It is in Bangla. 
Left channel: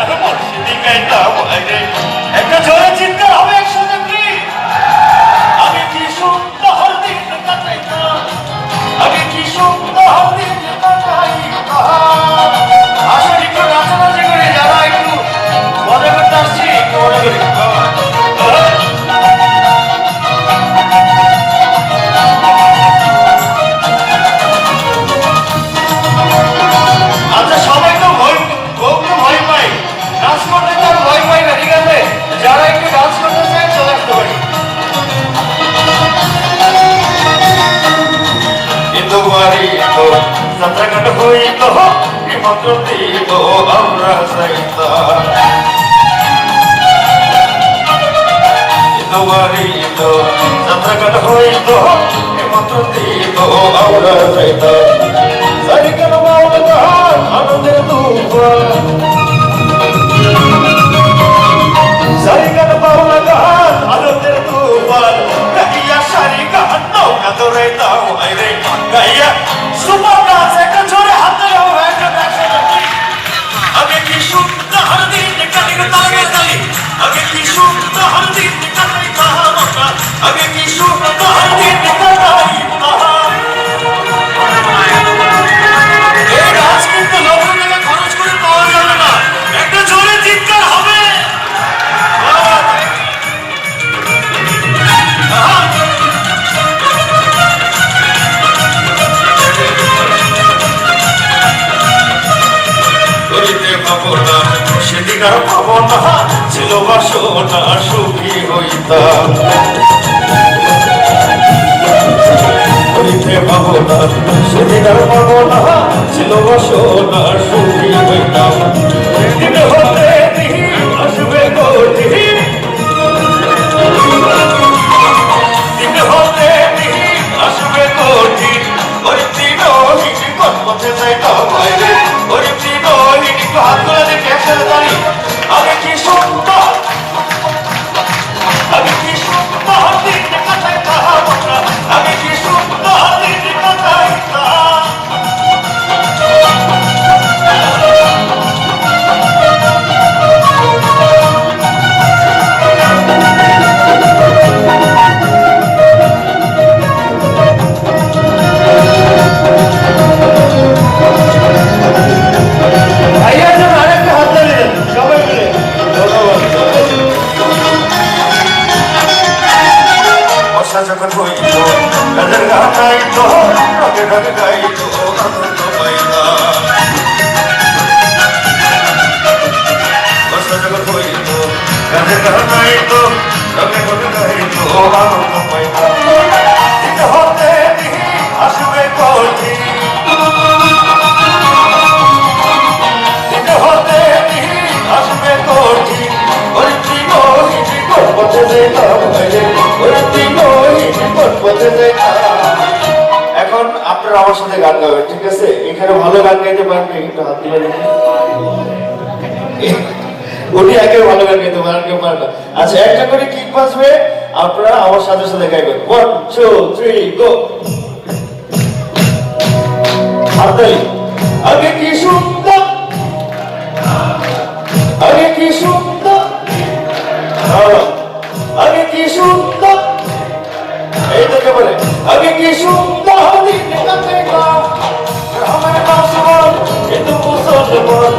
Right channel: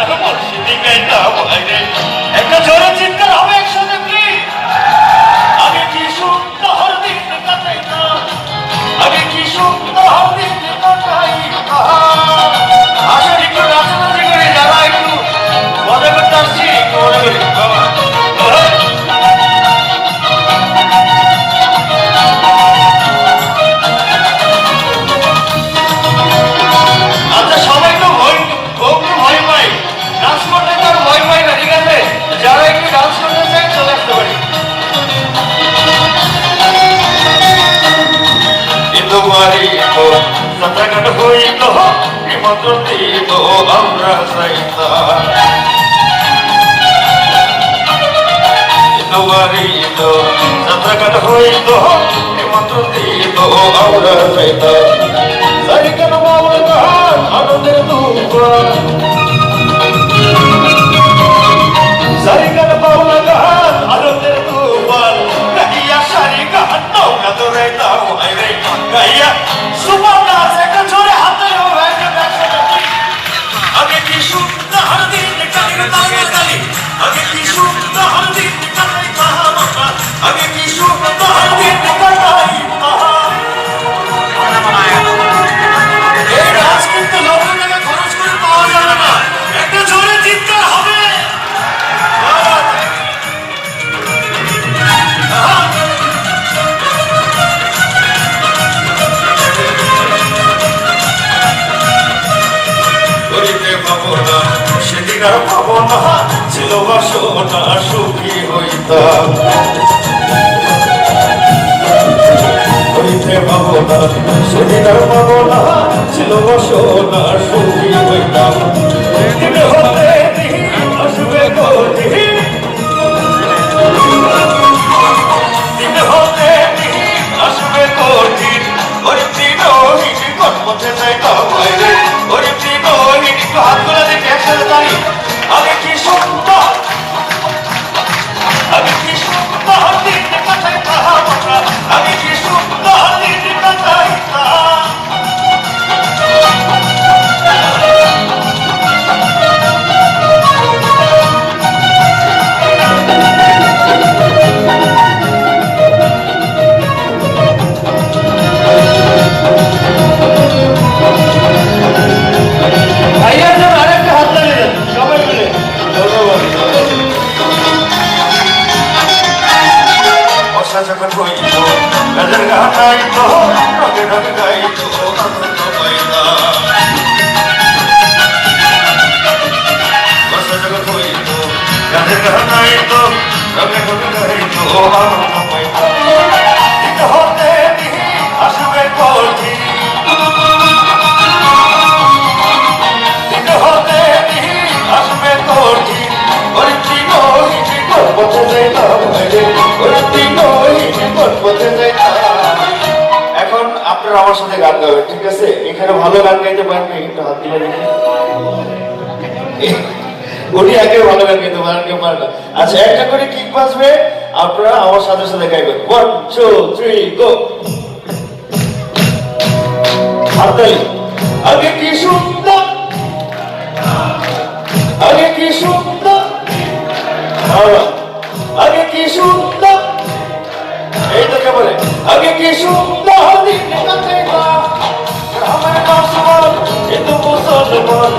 মুর্শিদি গাইতাম আইরে একটা জোরে চিৎকার হবে একসাথে প্লিজ আমি কি সুন্দর দিন কাটাইতাম আমি কি সুন্দর দিন কাটাইতাম আসলে একটু নাচানাচি করে যারা একটু মজা করতে আসছি একটু মজা করি আচ্ছা সবাই তো ভয় পাই ডান্স করতে কেউ ভয় পাই না ঠিক আছে যারা একটু ডান্স করতে চাই চলে আসতে পারি কিন্তু বাড়ি তো যাত্রাঘাট হইল নিমন্ত্রণ দিল আমরা চাইতাম কিন্তু বাড়ি তো যাত্রাঘাট হইল নিমন্ত্রণ দিল আমরা চাইতাম সারিকান মাওলা আনন্দের দুপুর সারিকান মাওলা আনন্দের দুপুর গাইয়া সারিকান নৌকা তোরে দাও আইরে গাইয়া সুবর্ণা একটা জোরে হাতে একটা আগে কি সুন্দর দিন কাটিয়ে তালে তালে আগে কি সুন্দর দিন কাটাইতা আমরা আগে কি সুন্দর দিন কাটাইতা এই নাচ কিন্তু লক্ষ টাকা খরচ করে পাওয়া যাবে না একটা জোরে চিৎকার হবে সেদিকার ভাবনা ছিল বাসনা সুখী হইতাম ভাবনা সেদিকার ভাবনা ছিল বাসনা সুখী হইতাম দিন হতে আসবে কঠিন দিন হতে আসবে কঠিন ওই দিন পথে যাইতাম বাইরে ওই দিন হাত গুলো দেখে একসাথে দাঁড়ি আগে কি সুন্দর আগে কি সুন্দর দিন কাটাইতাম আমরা আগে কি সুন্দর দিন কাটাইতাম যখন হইল গানের গান গাইত রঙে রঙে গাইত আনন্দ পাইতা বর্ষা যখন হইল গানের গান গাইত রঙে রঙে গাইত আনন্দ পাইতা হতে আসবে কঠিন হতে আসবে কঠিন এখন আপনারা আমার সাথে গান গাবেন ঠিক আছে এখানে ভালো গান গাইতে পারেন একটু হাত দিয়ে দেখি উনি একে ভালো গান গাইতে পারেন কেউ পারেন না আচ্ছা একটা করে কিক বাজবে আপনারা আমার সাথে সাথে গাইবেন 1 2 3 গো হাততালি আগে কি সুন্দর আগে কি সুন্দর আগে কি সুন্দর এই থেকে বলে আগে কি সুন্দর দিন কাটেগা আমার কাছে বল কিন্তু মুসলমান